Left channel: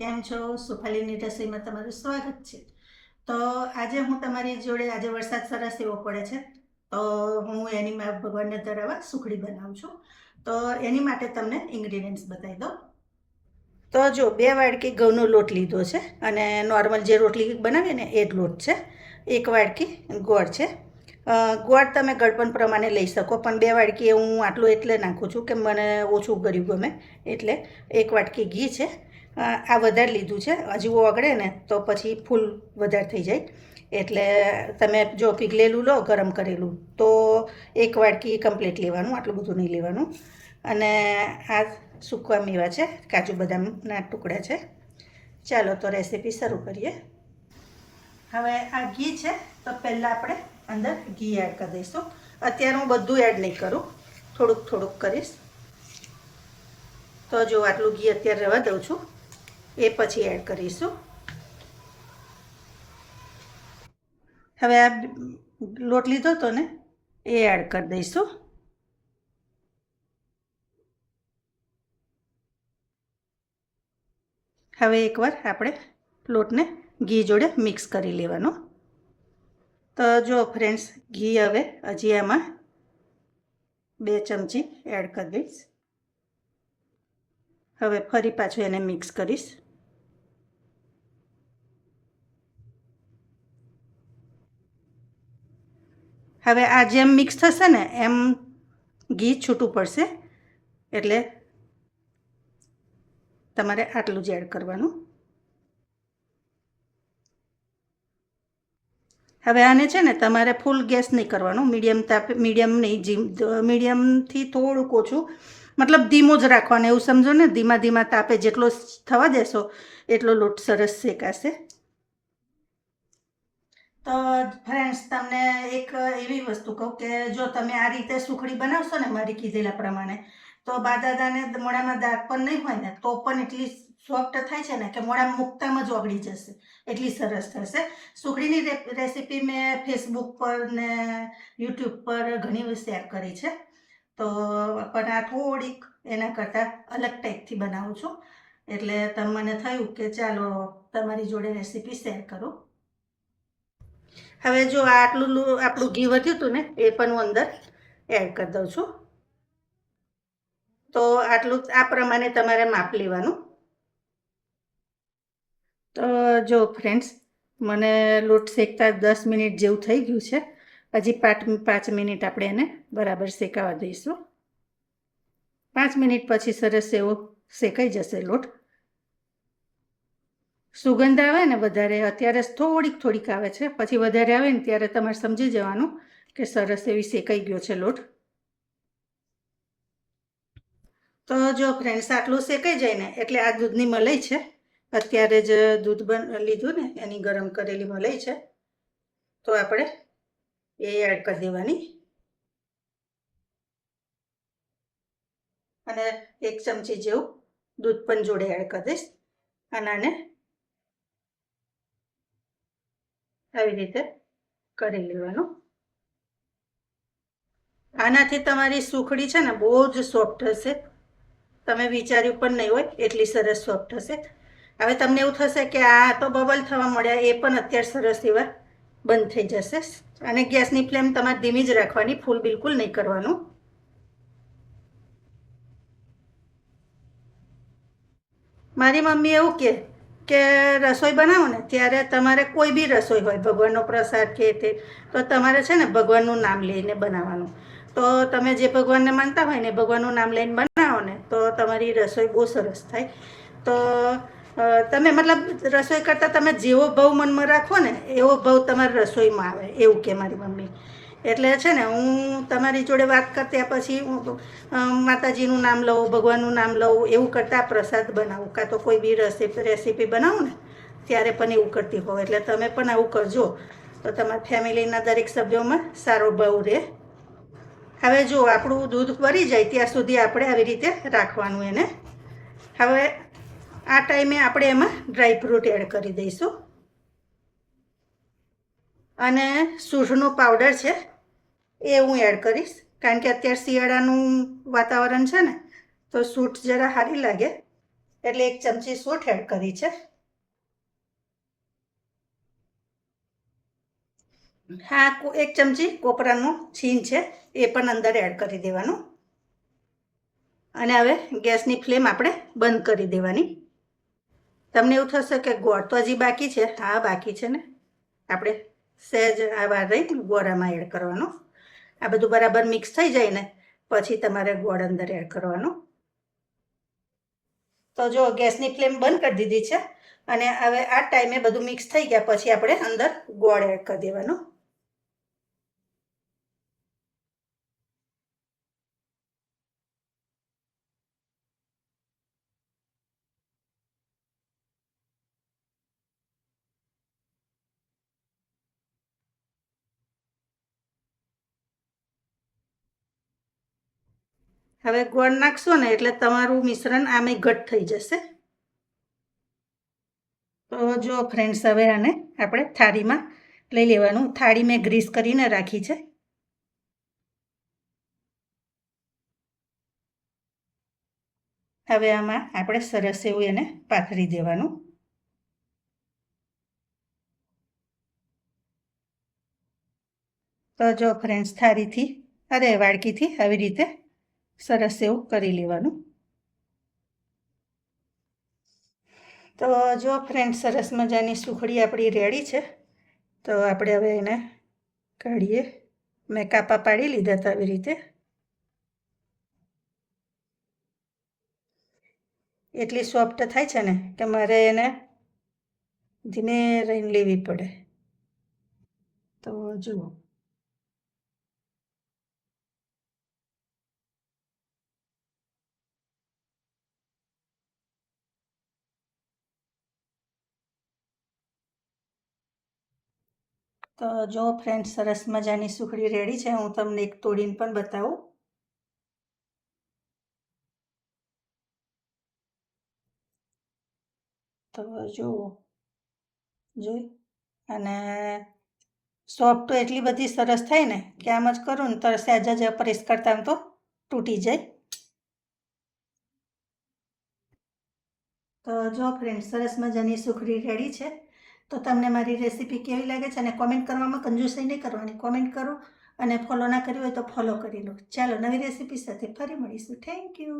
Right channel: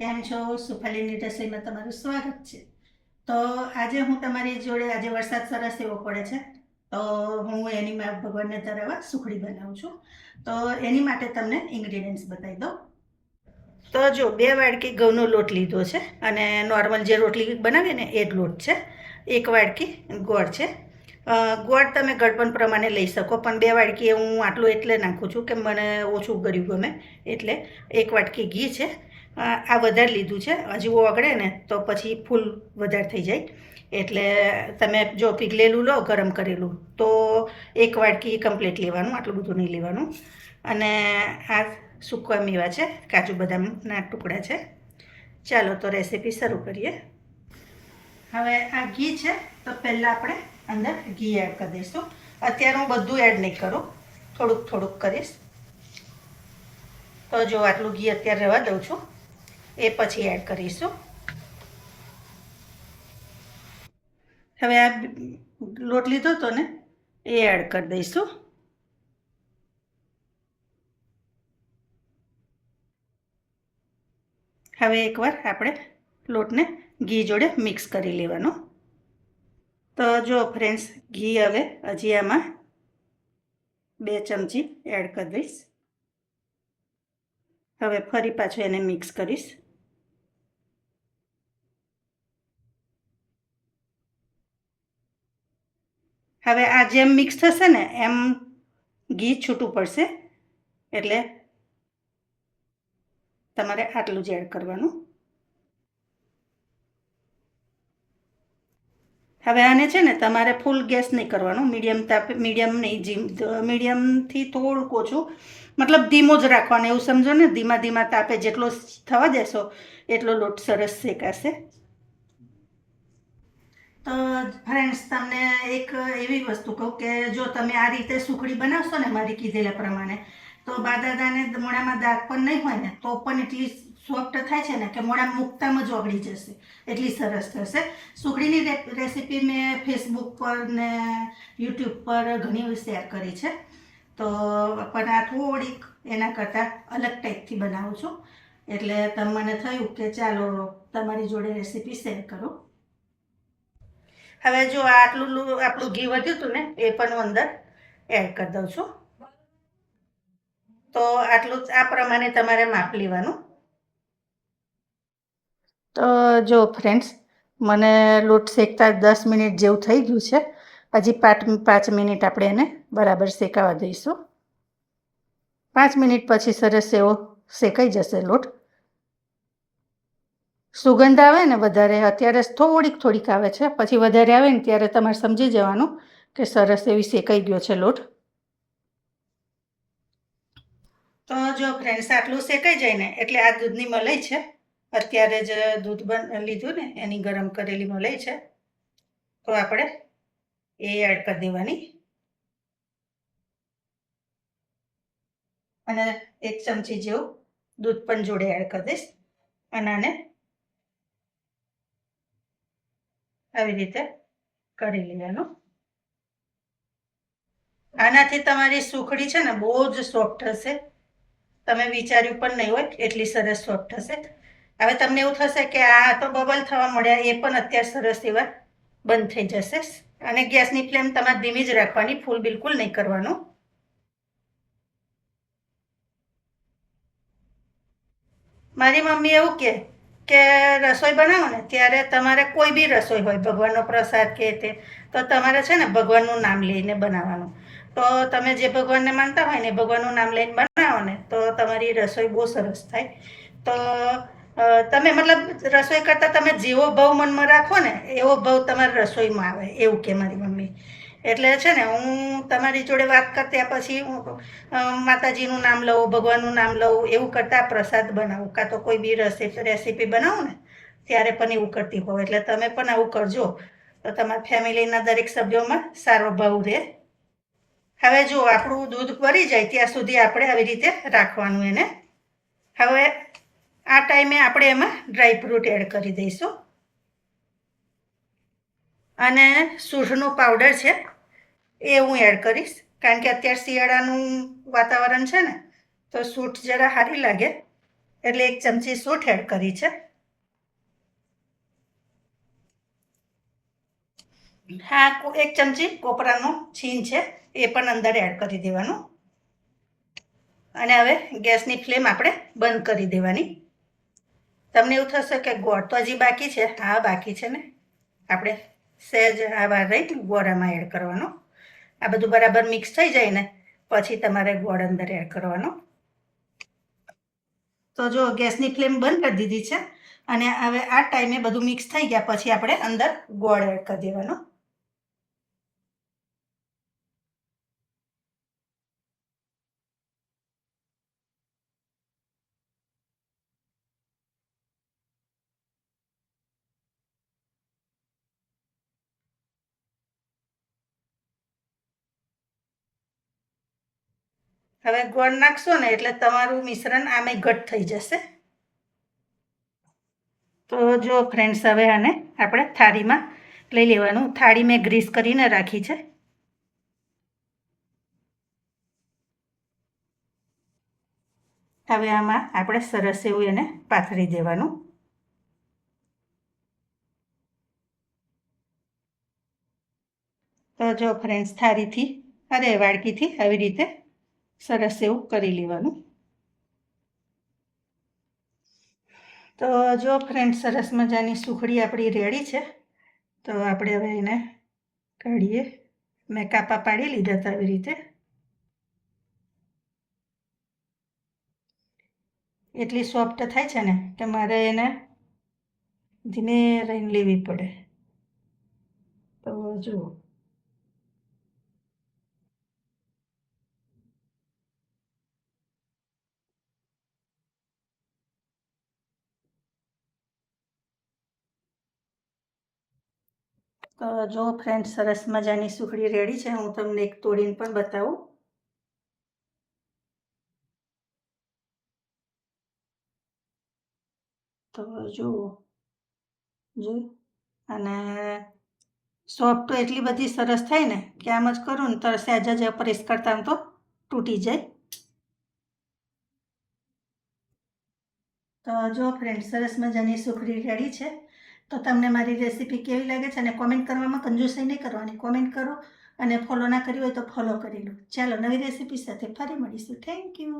કેમ છો? સુફાલીની રસોઈમાં તમારું સ્વાગત છે. તો આજે હું તમારી જોડે આજે વરસાદ સરસ એવો પડે છે, તો હું એની ભગવાનને ધરાવવા સુખડી બનાવું છું. તો એની માટે તમને ઇન્ગ્રીડિયન્ટ્સ બતાવી દઉં. તો જો 2 વાડકી ઘઉંનો લોટ લીધો છે અને નોર્મલ જે રોટલી બનાવીએ ને એ જ લોટ છે. 1 વાડકી ગોળ છે. ગોળ તમે ગળપણ પ્રમાણે લઈ શકો, પણ 2 વાડકી હું આટલું એટલે નાખું છું કે મને ઓછું ગળ્યું ગમે, એટલે 1 વાટકી ઘી છે. આ વધારે લીધું છે, હજુ ઓગળે ને તો પછી ફૂલ વધારે થઈ જાય, એટલે તમે જો પીગળેલું લો ગરમ કરેલું તો 1 વાટકી કમ્પ્લીટ લેવાનું, આટલું બધું નહીં લેવાનું. અને આ સૂકા મેવા છે, કાજુ બદામના ટુકડા છે. ચાલો તો રેસીપી શરૂ કરીએ. હવે આ ઘી છે, તો પહેલાં આપણે અંદર ઘી એડ કરી દઈશું. અત્યારે હું બધું એડ નહીં કરું, થોડુંક થોડુંક કરીશ. તો જો આટલું ઘી અત્યારે રહેવા દઉં છું, એ પછી એડ કરીશું. હવે આ લોટ લીધો હતો ને એ એડ કરી દઈશું. હવે એકવાર આપણે લોટને ઘી જોડે મિક્સ કરી લેવાનું. તો જો ફ્રેન્ડ્સ, ઘી હવે હજી આમાં 2 ચમચી એડ કરી દઈશ. હવે ફરી પાછું એને મિક્સ કરીશ. હવે આ જેમ મિક્સ થશે ને એમ ઘી છૂટું પડશે, એટલે તમારે આટલું જ એડ કરવાનું. હવે આને છે ને તમારે ફૂલ ગેસ નહીં કરવાનું, મીડિયમથી થોડુંક ઓછું, મતલબ ધીમો જ રાખવાનો, એવું સમજો ને. ધીમા તાપે જેટલો થવા દેશો એટલો લોટ સરસ શેકાશે. તો ફ્રેન્ડ્સ, તમને એક એવી વસ્તુ કહું કે જો તમે આ રીતે સુખડી બનાવશો ને મારી કીધેલા પ્રમાણે, તો બાદાદાને મોઢામાં દાંત પણ નહીં હોય ને તો પણ એટલી સોફ્ટ થાય છે ને કે મોઢામાં મૂકતામાં જ ઓગળી જશે, એટલી સરસ થશે. સુખડીની રેસીપી મેં ફેસબુક પર ને યુટ્યુબ પર ઘણી શેર કરી છે, તો પણ આ થોડીક એના કરતાં અલગ ટાઈપથી બનાવું છું, એટલે મને થયું કે ચાલો તમારી જોડે રેસીપી શેર કરું. હવે જો આટલું આપણું ઘી વધ્યું હતું ને એ પણ હું અંદર એડ કરી દઉં છું. તો આટલું આ પ્રમાણે તમારે માપ લેવાનું. તો જો ફ્રેન્ડ્સ, મને લોટ શેકતા 10 મિનિટ જેવું થઈ ગયું છે. હજી 5 મિનિટ આપણે એને બરાબર શેકાવા દઈશું. 5 મિનિટ પછી સરસ એવો શેકાઈ જશે લોટ. સુગંધ આવે ને વધારે, અત્યારે થોડીક આવે છે, પછી વધારે આવે ને ત્યારે તમારે સમજી જવાનું કે સરસ એવી શેકાઈ ગયો છે લોટ. તો જો ફ્રેન્ડ્સ, આટલું શેકાઈ જાય ને એટલે આ દૂધની મલાઈ છે, અત્યારે જ દૂધ લીધું ને એની ગરમ કરેલી મલાઈ છે, તો આપણે એ એડ કરી દેવાની. અને 1 ચમચી જેવું દૂધ પણ જોડે એડ કરી દઈશ. અને આને આવી રીતે કરી લેવાનું. આનાથી તમારી સુખડી છે ને બહુ જ સોફ્ટ હશે, તમે વિચાર્યું પણ નહીં હોય એટલી સરસ સોફ્ટ હશે. હવે તમને એવું થશે કે આ તો બબલ થવા મળ્યા, એ પણ અત્યારે સરસ એવા બંધ થઈ જશે. અને ગેસની ફ્લેમ તમારે ધીમી જ રાખવાની, ફૂલ બિલકુલ નહીં કરવાનું. મારી મમ્મી એવું કે રસોઈ બનાવો ને ત્યારે તમારે કોઈ બી રસોઈ હોય, ભગવાનનો પ્રસાદ કે તે, તો તમારે છે ને ભગવાનનું નામ લઈને બનાવવાનું. તો તમે જે ભગવાનને માનતા હોય ને ભગવાનનું નામ લઈને બનાવો ને તો તમારી રસોઈ બહુ સરસ થાય. તો તમે મતલબ રસોઈ કરતાં તમે જેવો ભાવ મનમાં રાખો ને એવો ભાવ તમારી રસોઈમાં આવે, એવું કે મારી મમ્મી. એટલે છે ને હું તમારી જોડે વાત કરતા પછી હું માતાજીનું નામ લઉં, ભગવાનનું નામ લઉં, એવું કરતાં પ્રસાદ બનાવું, કાં તો કોઈ બી રેસીપી બનાવું ને ત્યારે પણ એવું કરતી હોઉં. એટલે તમે પણ આવું કરજો તો તમારા ફેમિલીના દરેક સભ્યોમાં સારો ભાવ રહે. હવે જો આપણું દૂધ ભરી જાય ત્યાં સુધી આપણે આવી રીતે રાખવાનું એને. હવે આ ટાઈમે આપણે એમાં ડ્રાયફ્રૂટ એડ કરી દઈશું. અને સૂંઠનો પાવડર છે એ હું એડ કરીશ, કારણ કે અત્યારે શિયાળાનું વાતાવરણ છે ને તો સૂંઠ જરા સારી લાગે. એટલે 1 ચમચી સૂંઠ એડ કરી છે. હા, 1 ચમચી કોપરાનું છીણ છે એ પણ અંદર એડ કરી દેવાનું. અને હવે ગેસની ફ્લેમ આપણે બંધ કરી દેવાની. તમને એવું થશે કે ગોળ તો હજી બાકી છે. હા, બાકી છે ને. આપણે સહેજ આવા રહી ગોળ આમાં એડ કરવાનો. આ બધું બરાબર મિક્સ થઈ જાય ને પછી તમારે ગોળ અંદર એડ કરવાનો. તો જો ગેસની ફ્લેમ બંધ કરી દીધી છે અને હવે આ ટાઈમે બધું મિક્સ થઈ ગયા પછી આપણે અંદર ગોળ એડ કરી દેવાનો. હવે ગોળ નાખશો ને એટલે તમારું મિશ્રણ આમે ઘટ થઈ જશે. તો જો ફ્રેન્ડ્સ, હવે આને આપણે થાળીમાં લઈ લેવાનું. થાળી મેં ગ્રીસ કરીને રાખી છે. હવે આમાં આપણે સરસ એવું એને પાથરી દેવાનું. તો જો ફ્રેન્ડ્સ, વાડકીથી આવી રીતે સરસ એવું કરી લેવાનું. તો જો ફ્રેન્ડ્સ, સરસ મજાની સુખડી આપણી રેડી છે. તો આપણે હવે એને કાઢીએ. મેં કાપા પાડી લીધા હતા આવી રીતે. એટલી સોફ્ટ થાય છે ને કે મારે એને ધીમે રહીને લેવી પડે. તો જુઓ, તો જો ફ્રેન્ડ્સ, સરસ મજાની સુખડી રેડી છે. હું તમને એક તોડીને પણ બતાવું. તો જુઓ, જોયું. અને સોફ્ટ તો એટલી બધી સરસ થાય ને કે આમ જ કરું ને તો સહેજ જ પ્રેસ કરતા તો તૂટી જાય. તો જો ફ્રેન્ડ્સ, સરસ મજાની સુખડી રેડી છે. તો તમને મારી રેસીપી કેવી લાગે છે અને કોમેન્ટ કરવામાં કંજૂસાઈ નહીં કરવાની. કોમેન્ટ કરો અને ફોલો ના કર્યું હોય તો ફોલો કરી લો. ચાલો, નવી રેસીપી સાથે ફરી મળીશું. Thank you.